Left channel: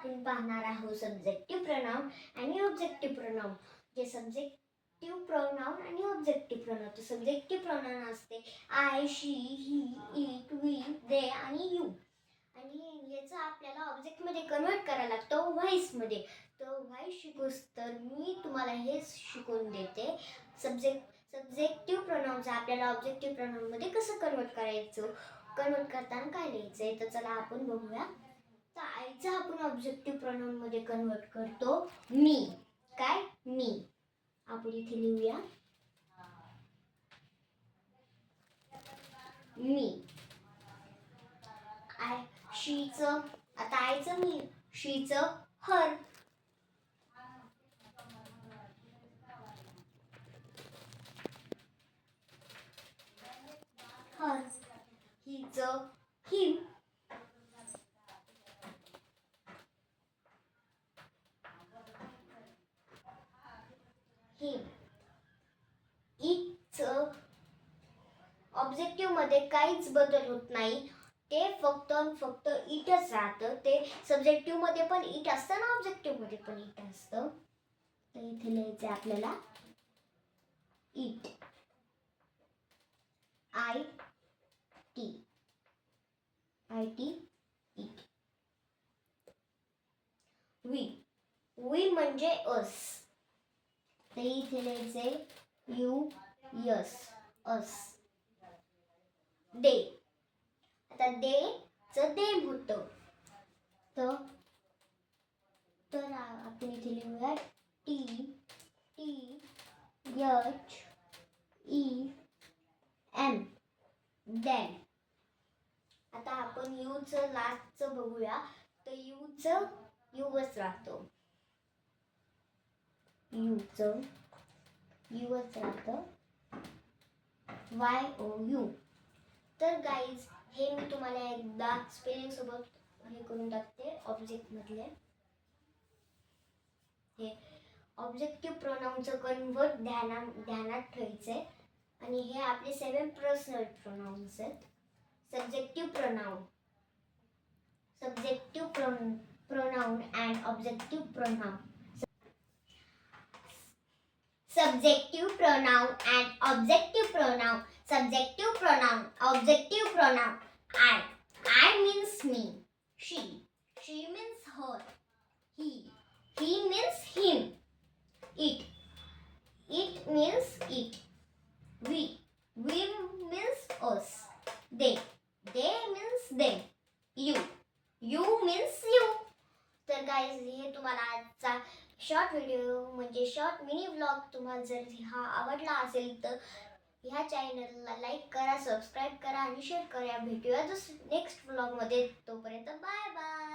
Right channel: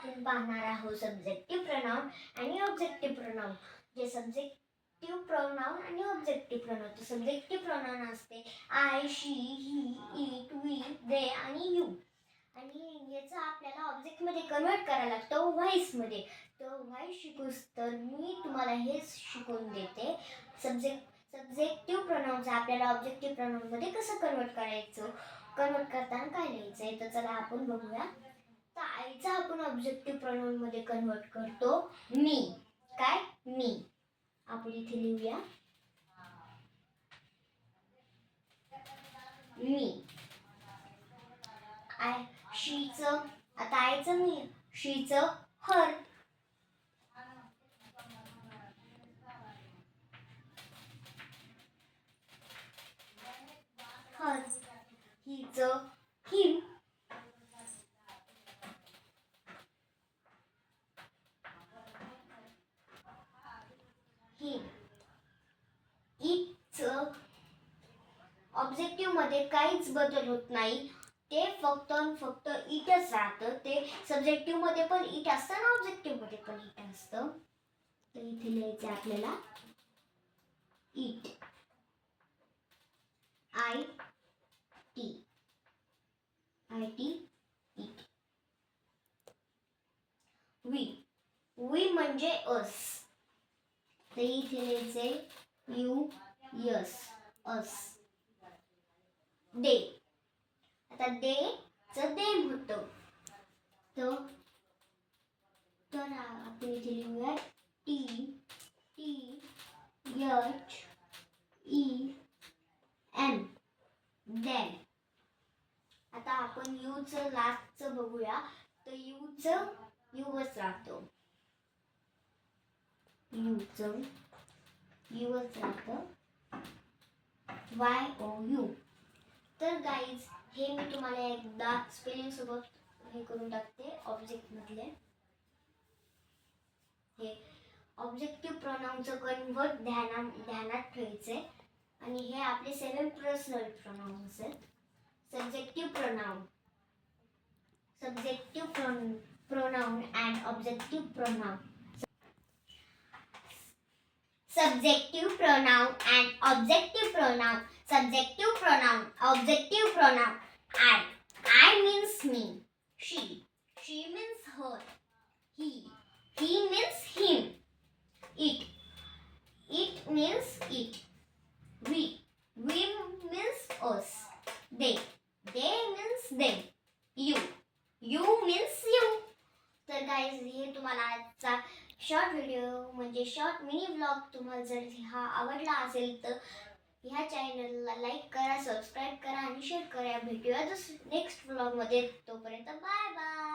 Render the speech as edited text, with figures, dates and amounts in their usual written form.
आपण पाहणार आहोत सब्जेक्टिव्ह प्रोनाउन आणि ऑब्जेक्टिव्ह प्रोनाउन. जे सब्जेक्टिव्ह प्रोनाउन आणि ऑब्जेक्टिव्ह प्रोनाउन. तर सब्जेक्टिव्ह प्रोनाउन असते I, she, he, it, we, they आणि यू. आणि याचं आपल्याला ऑब्जेक्टमध्ये कन्वर्ट करायला लागतं व्हॉइसमध्ये. तर व्हॉइस शिकूस तर मी तुम्हाला हेच शिकवून देते. सब्जेक्टिव्ह प्रोनाउनचं आपल्याला ऑब्जेक्टिव्ह प्रोनाउनमध्ये कसं कन्वर्ट करायचं, कन्वर्ट करताना काय लिहायचंय. तर चला आपण बघूया. तर आईचा आपण ऑब्जेक्टिव्ह प्रोनाउन मध्ये कन्वर्ट करतो मी. काय? मी. आपण इथे लिहूया मी. आय, शीचं, आता आईचं मी, शीचं हर. हर. हिचं हिम. हिम. इटचं ऑब्जेक्टिव्ह मध्ये काहीच बदल होत नाही. ते फक्त इटच राहतं. ते सब्जेक्टिव्ह मध्ये पण इट असतं ना ऑब्जेक्टिव्ह मध्ये पण इट असतं. तर इथे लिहायचं आपल्याला it. I T. I T it. V. V म्हणजे अस. तर इथे लिहायचे यू यस अस. दे. आता दे च देम होतं. तर आपण इथे लिहूया T T H E N then. आता आपण यूचं लास्टचं बघूया. तर यूचं यूच राहतं. यूचं यूच राहतं. Y O U. तर गाईज हे मी तुम्हाला एकदा स्पेलिंग सोबत हे करून टाकते. ऑब्जेक्ट मधले हे ऑब्जेक्टिव्ह प्रोनाउनचं कन्वर्ट ध्यानात ठेवायचंय. आणि हे आपले 7 पर्सनल प्रोनाउन्स आहेत. Subjective pronoun, pronoun and objective pronoun. Subjective pronoun and objective pronoun. Subjective pronoun, objective pronoun. I means me. She means her. He means him. It means it. We means us. They means them. You means you. तर guys हे तुम्हाला आजचा short video म्हणजे short mini vlog तुम्हाला जर हा आवडला असेल तर ह्या चॅनलला लाईक करा, सबस्क्राईब करा आणि शेअर करा. भेटूया नेक्स्ट व्लॉगमध्ये. तोपर्यंत बाय बाय.